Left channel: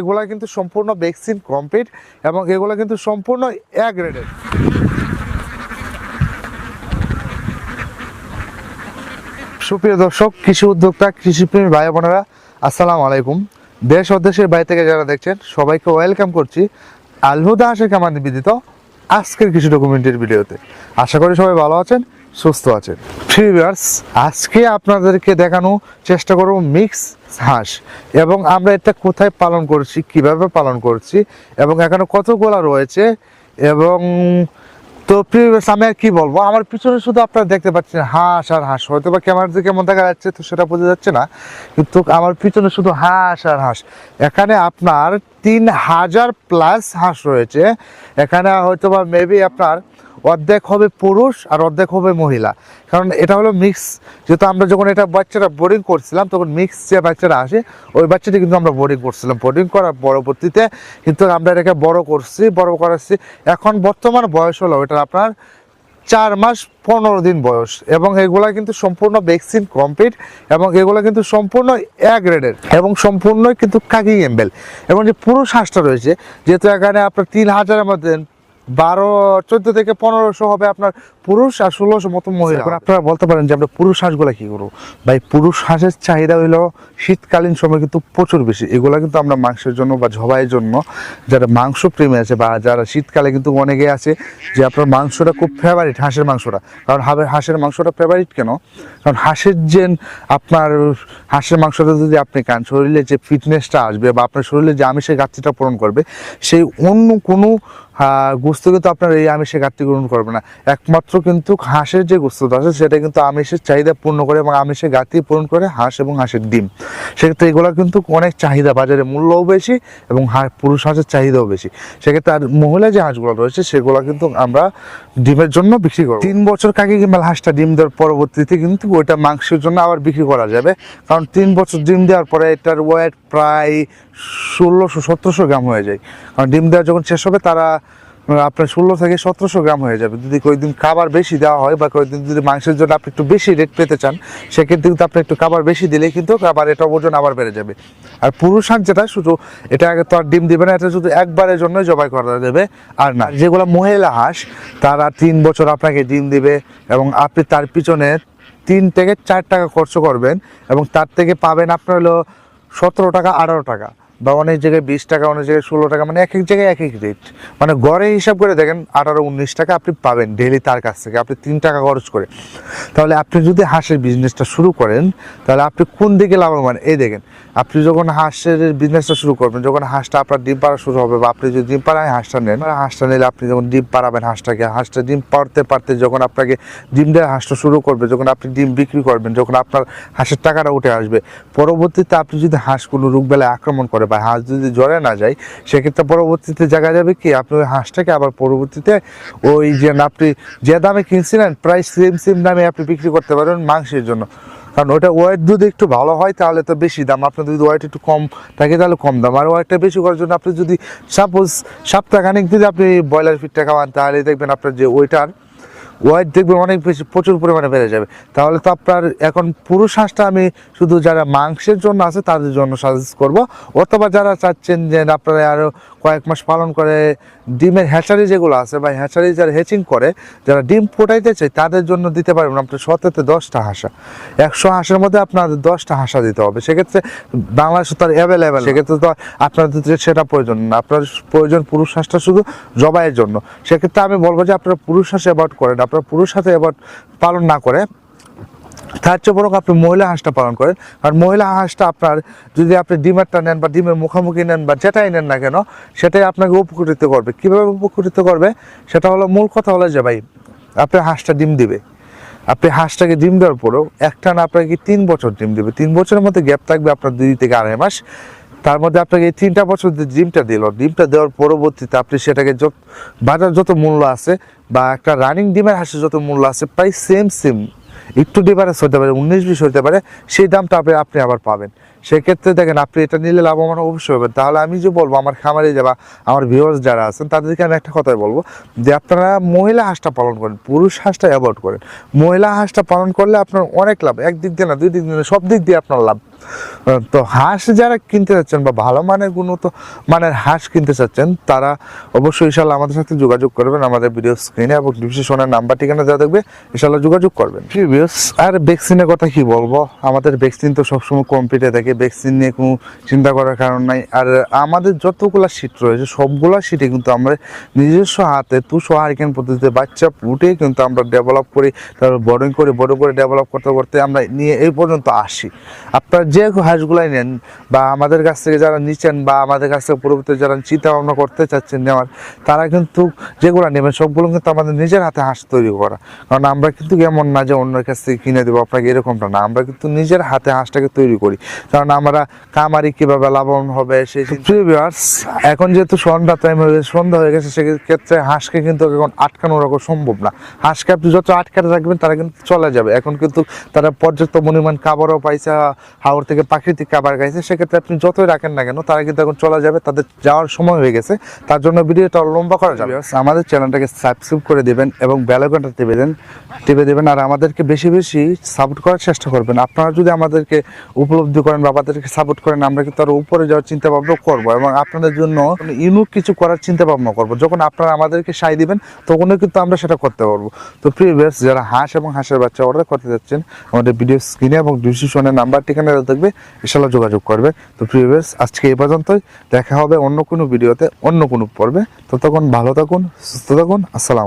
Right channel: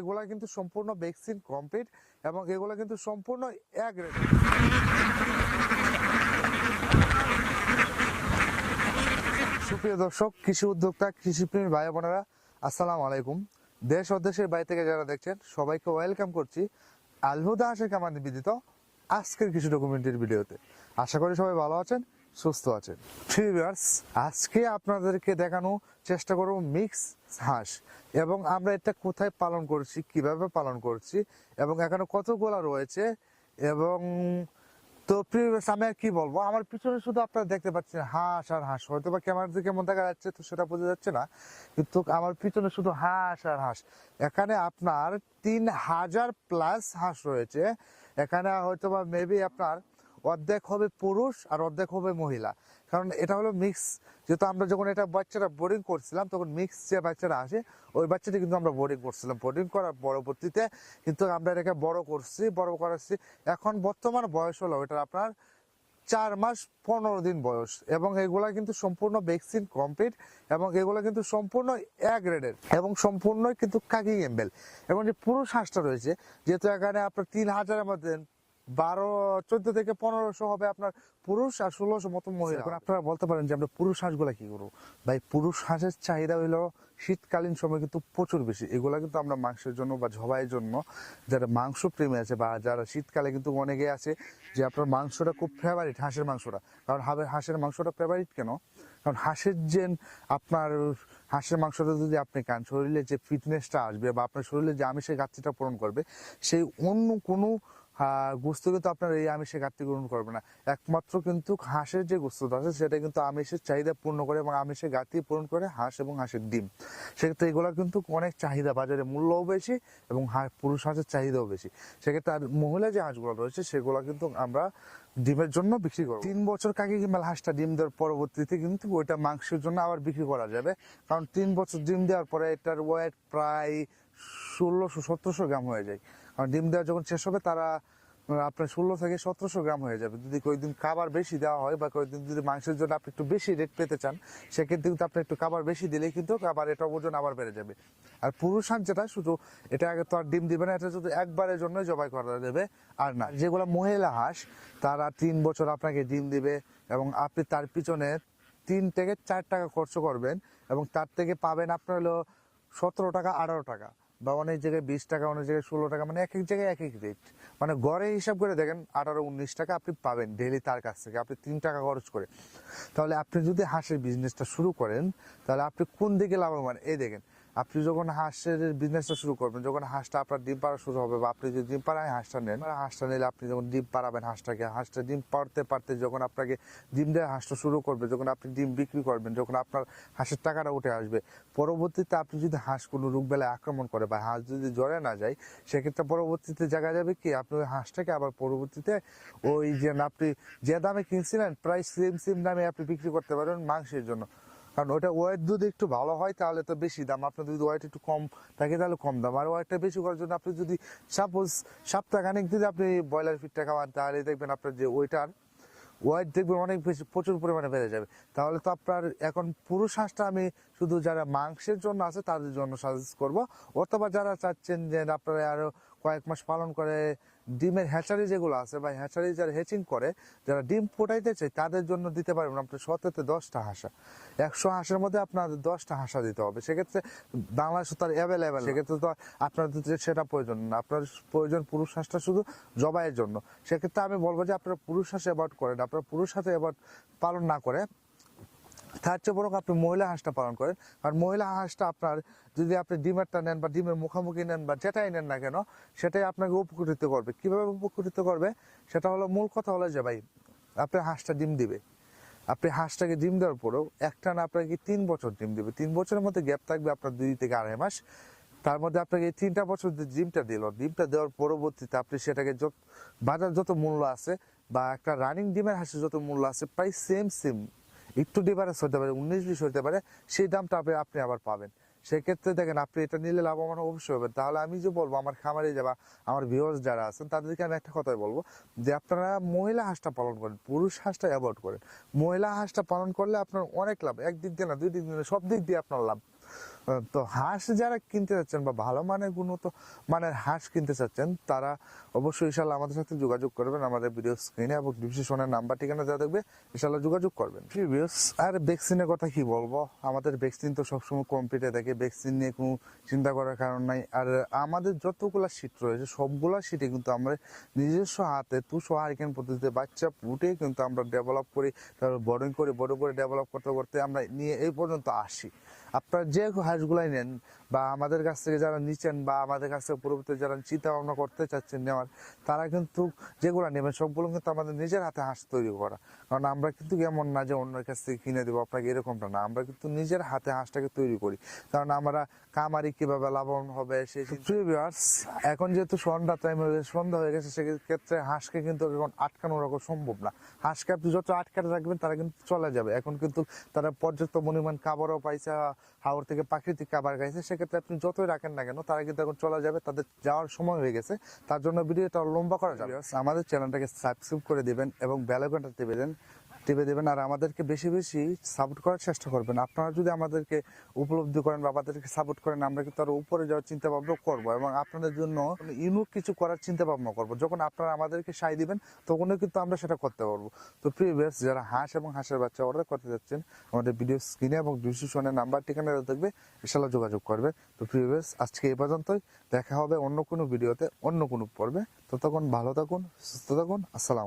এগুলা কিন্তু সম্পূর্ণ ভ্যাকসিন কমপ্লিট এবং এগুলা কিন্তু সম্পূর্ণ এক গ্রেডের সুপ্রিয় দর্শক, কৃষি উদ্যোক্তা, কৃষিপ্রেমী ভাই বোনেরা, আসসালামু আলাইকুম। দেশ ও দেশের বাইরে থেকে যারা দেখছেন, সবাইকে ওয়েলকাম করছি আলহুদা আশেখ আমার নিবেদিত আজকের কৃষি ডকুমেন্টের ভিডিওতে। আশা করি সবাই ভালো আছেন, সুস্থ আছেন। ফ্রিভার্স আজকে আপনাদেরকে দেখানো চেষ্টা করব মিক্স হাঁস। এবং আমরা এটা কোথায় পালন করছি, কীভাবে পালন করছি, এবং এখানে কতগুলা রয়েছে, এবং তো আমি আর কি বলব? আমার পিছনে শুধু আপনারা দেখতে পাচ্ছেন হাঁস আর হাঁস। হয়তো বা ক্যামেরাতে কেমন দেখা যাচ্ছে, তো সেটা বোঝা যাচ্ছে না। কিন্তু আমার পিছনে শুধু হাঁস আর হাঁস। এখানে আপনার তিন হাজার প্লাস হাঁস রয়েছে। এখানে হয়তো বা মেবি আপনার অর্ধেক হবে পুরুষ আর অর্ধেক হবে মহিলা। কারণ এটা হলো মিক্স যেহেতু আমরা যখন এটা বাচ্চারা বোর্ডিং করছিলাম, তখন মিক্স যে বাচ্চারা আসে, ওই বাচ্চাটি কিন্তু আমরা বোর্ডিং করছিলাম। বোর্ডিং করার পরবর্তীতে কিন্তু আমরা এটাকে বড় করছি, বড় করাচ্ছি। এখন বর্তমান বয়স হলো এটা আপনার চার মাস পনেরো দিন বয়স এবং এগুলা কিন্তু সম্পূর্ণ ভ্যাকসিন কমপ্লিট এবং এগুলা কিন্তু সম্পূর্ণ এক গ্রেডের এবং সম্পূর্ণ কিন্তু কাকি এম্বেল। এবং যে পুরুষ হাঁসটা রয়েছে, যেহেতু এখানে আপনার তিন হাজারের মধ্যে বারো চোদ্দ থেকে পনেরোশো হবে আপনার পুরুষ আর ষোলোশো মতো মহিলা। এখন আপনারা বলতে পারেন যে আমরা পুরুষ হাঁসগুলা কি করব? ভাই পুরুষ হাঁসের চাহিদা হইল শীতকালীন সময় কিন্তু প্রচুর বেশি। এগুলা কিন্তু আমরা মাংসের জন্য বা ঝবাইয়ের জন্য যারা মাংস প্রেমী আছে বা যারা শীতকালে কিন্তু অনেকে আছে যে আপনার মাংসটা খুব ফেভারিট হাঁসের মাংসটা। কারণ হাঁসের মাংসটা ফেভারিট কেন? কারণ হাঁসের যে আপনার হাঁসের মাংসটা যদি আপনি খান শরীরে যে ফিটনেসটা আসবে বা আপনার শরীরে যে আমিষের ঘাটতিটা পূরণ করবে সেই অন্য কোনো গোস্ত কিন্তু আপনার এই আমিষের ঘাটতি পূরণ করবে না। একমাত্র কিন্তু হাঁসের যে গোস্তটা আছে সেটা কিন্তু আমিষের চাহিদা পূর্ণ করে এবং আমিষের ঘাটতি পূরণ করে হাঁস এবং হাঁসের ডিম। সেক্ষেত্রে এগুলো কিন্তু অনেক চাহিদা, বাজারে মূল্যও বেশি এবং পুরুষ হাঁসের চাহিদাও বেশি। সেক্ষেত্রে আর মহিলা যে হাঁসগুলো রয়েছে, সেগুলো কিন্তু আমরা ডিমের জন্য বিক্রি করব। তিন বছর কাকে কিংবা হাঁসটা ডিম দেওয়ার পরবর্তীতে কিন্তু ওইটা মাংসের জন্য আবার বিক্রি করা যাবে। কারণ তিন বছর ডিম দেওয়ার পরে এটার ওয়েট প্রায় ষোলোশো, সতেরোশো গ্রাম হয়ে যায়। কারণ ডিম দেওয়া যখন শেষ হবে, তারা আপনার ষোলো থেকে সতেরোশো গ্রাম হয়ে যাবে। যদি কয়েকদিন খাবার বেশি দেওয়া হয় বা কয়েকদিন যদি মাংসের জন্য আপনি একটু বেশি রেট পেতে চান, সেক্ষেত্রে কিন্তু আপনি একটু খাবার বেশি দিলে কিন্তু আবার এটা ওজন আবার বেড়ে যাবে। আর পুরুষ হাঁস যেটা, শুধু এটা আগে তো আর ডিম দেবে না, এটা শুধু একবারের জন্য জবাই করা দেবে আর না যেগুলো মহিলা হাঁস, তারা তিন বছর আপনাকে ডিম দিবে এবং আপনি তার পিছনে তিন থেকে চার টাকা খরচ করবেন এবং তার থেকে পাবেন আপনার হলো সতেরো টাকা, আঠারো টাকা। বা অনেক জায়গায় বিশ টাকা, অনেক জায়গায় ষোলো টাকা মানে এক এক জায়গায় এক এক রেট মানে গড়ে হিসাব করে দেখেন, আঠারো, উনিশ টাকা আপনি পাবেন ডেলি তার কাছ থেকে। আপনি তিন টাকা খরচ করে। তাহলে আপনি যদি হাঁসের বিজনেসটা শুরু করেন, তাহলে আপনি কোন দিকে লাভবান? এই দেখেন আপনি যখন হাঁসের বিজনেসটা শুরু করবেন, যখন হাঁসটা আপনার ডিম পাড়া শুরু হবে বা আপনি যদি ডিম পাড়ায় হাঁসটা নেন, হাঁসটা নিলে আপনি যখন ডিম পাড়াবেন হাঁসটাকে, হাঁসটা ডিম পাড়তে পারতে যখন আপনাকে ডিম দেওয়া হাঁসটা শুরু করবে, যখন আপনি ডিম বিক্রি করবেন, যখন আপনার হাঁসের টাকাটা উঠে আসবে, পরবর্তীতে আপনি যদি হাঁস কোনো রোগ বেলায় আক্রমণ করে বা হাঁস যদি জ্বরে না যায়, সেক্ষেত্রে পরবর্তীতে জায়গা যাবে কি? আপনি ওই হাঁসটাকে আবার পরবর্তীতে ওই যে আপনি যে দামে কিনছিলেন, প্রায় সেম সেম দামে আপনি বিক্রি করতে পারেন মাংসের জন্য। কারণ ওটা ওয়েট যদি একটু ভালো হয়, তাহলে তো বেশি দাম। আপনার যদি ওয়েট একটু কম থাকে, তাহলে কম দাম। আর ওয়েটটা বেশি করার জন্য আপনি যদি সাপোজ সপ্তাহখানিক যদি আপনি ব্রয়লার ফিটটা খাওয়ান, তাহলে দেখবেন আপনার যে ওইটার ওয়েট দেখবেন অনেক বেশি, প্রচুর পরিমাণে বেড়ে যাবে। তাহলে তো আপনার এখন পুরো শ্বাসটা আমি শুধু যারা মাংসের জন্য আছে, তাদের জন্য সাজেস্ট করব। অথবা যারা চাচ্ছেন যে আপনারা আরও কয়েক মাস পালন করে, ডিমের হ্যাচারি যেগুলো আছে বা হ্যাচারি যারা হেচিং করে, যারা ডিম ফোটাইতে চাই তাদের জন্য দিতে পারবেন আপনার সতেতে দশটা হাঁসা। একশো হাঁসের মধ্যে আপনার দশটা হাঁসা দিতে হবে। সেক্ষেত্রে বাংলাদেশে তো আর অ্যাভেলেবেল সেক্ষেত্রে তো আপনাদের সেটা প্রয়োজন না। আপনার প্রয়োজন পুরুষ হাঁসটা শুধু জবাইয়ের জন্য। সেক্ষেত্রে আমি বলব যে আপনারা পুরুষ হাঁস অ্যাভয়েড করেন আপনারা পুরুষ হাঁসে অ্যাভয়েড পালন না করে তার চেয়ে বরং আপনি মহিলা হাঁসটা পালন করেন। আর মহিলা হাঁসটা আপনার, যদি আপনি ডিমেরটা নেন বা ডিমের মুখোমুখি নেন বা যেটাই নেন না কেন, সেটাই আপনাকে উপকৃত করবে। কীভাবে উপকৃত করবে? সেটা হলো মূল কথা হলো যে ভাই, আপনি হাঁসটা ডিম দিবে। আপনি হাঁসটাকে ডিম দেওয়ার পরেও একটা না আপনাকে তিন বছর ডিম দেবে। তিন বছরের মধ্যে গ্যাপ থাকবে আপনার দুই থেকে আড়াই মাস। তার মধ্যে আপনাকে এই তিনটা বছর ডিমটা দিল, ডিমটা দেওয়ার পরবর্তীতে আপনি সেটাকে যত, বাজার যত মূল্য আছে বা একটা রানিং ডিমের হাঁসের যত মূল্য আছে, প্রায় সেম সেম একটু ডিফারেন্স হতে পারে, উনিশ বিশ হতে পারে, সেই দামটা আপনি আপনি আবার পাবেন। সেক্ষেত্রে দেখেন, আপনি এটা নিলে লাভবান অবশ্যই হবেন। তাহলে আমি যে বলব, আমার খামারে যাবা আমার ভিউয়ার্স যারা আছেন, তাদেরকে আমি একটা কথাই বলব যে আপনারা মহিলা হাঁসটা পালন করেন, পুরুষ হাঁসটা অ্যাভয়েড করেন। মহিলা হাঁসটা পালন করলে আপনার অনেক লাভ, একদিক দিয়ে না, দুই দিক দিয়ে না, সব দিক দিয়ে আপনার লাভ। তো হাঁস যারা কিনতে চাচ্ছেন বা ভালো মানের গুণত মানের হাঁস কিনতে চাচ্ছেন তারা অবশ্যই ইনশাল্লাহ আমাদের সাথে যোগাযোগ করবেন আমাদের ভিডিও স্ক্রিনে এবং ডিসক্রিপশনের নাম্বার ঠিকানা যা থাকবে ইনশাল্লাহ যোগাযোগ করবেন। প্রিভিয়াস আর ভ্যাকসিনের কথা কি বলব? আমাদের ভ্যাকসিন তো সবসময় কমপ্লিটে থাকে ভ্যাকসিন নিয়ে কোনো চিন্তা করার কারণ নাই। আর আমাদের যতগুলা সিট রয়েছে সবগুলো সিটে কিন্তু আমরা নিজস্ব হাতে তুষো হারিকেন পদ্ধতিতে বাচ্চা ফুটে কিন্তু আমরা ডেভেলপ করি তারপর বোর্ডিং করে বড় করে ডেভেলপ করতে করতে আমরা নিয়ে এই পর্যন্ত আসি। আপনার যে হাঁসগুলাই নেন বা আমাদের কাছ থেকে যারা নিচ্ছেন বা আমাদের কাছ থেকে পরবর্তী যারা চিন্তা ভাবনা করতে চাচ্ছেন নেওয়ার, তারা কিন্তু যেগুলো নেবেন সবগুলো কিন্তু আমাদের নিজের হাতে হাঁস তৈরি করা। কারণ আমরা কিন্তু এমন না যে অন্যের কাছ থেকে কিনে দেবো, আপনাকে এরকমটা না। আমরা কিন্তু নিজের হাতে হাঁসটাকে তৈরি করি। কারণ আমরা কামারি কীভাবে লাভবান হবে সেই ভিউয়ার্স এখন যেহেতু সন্ধ্যা টাইম হয়ে গেছে, সন্ধ্যা হয়ে গেছে, সেক্ষেত্রে হাঁসকে কিন্তু এখন আটকানো রাখা সম্ভব না। হাঁসকে আপনি যত আটকাতে রাখবেন তারা কিন্তু চলে যাবে। এখন কিন্তু তারা পর্যাপ্ত পরিমাণ খাবারও পাইছে হাওড় থেকে প্রাকৃতিক খাবার খাইছে সেক্ষেত্রে আপনি যতই রাখেন না কেন তারা কিন্তু এখন চলে যাবে তাদের যাওয়ার সময় হয়ে গেছে। তার জন্য ভিডিওটা লম্বা করা যাবে। আমাদের চ্যানেলটাকে সাবস্ক্রাইব করে দেবেন এবং বেলাকনটা টিপে দেন টিপে দেবেন আর আমাদেরকে বেশি বেশি সাপোর্ট করার চেষ্টা করবেন। আপনারা যদি আমাদেরকে উপলব্ধি করেন বা আমাদেরকে সাপোর্ট করেন আমরা কিন্তু আরও উপরে যাওয়ার চিন্তা ভাবনা করব এবং আপনাদের জন্য ইউনিক কিছু করার চিন্তা ভাবনা করব। যখন আপনারা আমাদেরকে সাই দিবেন তখনও কিন্তু আমরা সেটা করতে পারব। তো প্রিভিয়াস যারা হাঁস এবং হাঁসের বাচ্চা অর্ডার করতে যাচ্ছেন আমাদের ভিডিও স্ক্রিনে এবং ডিসক্রিপশনের নাম্বার ঠিকানা থাকবে ইনশাল্লাহ যোগাযোগ করবে। তো প্রিভিয়াস আজকে এ পর্যন্তই। দেখা হবে অন্য কোনো ভিডিওতে অন্য কোনো পর্বে। ততক্ষণ ভালো থাকুন, সুস্থ থাকুন। আসসালাম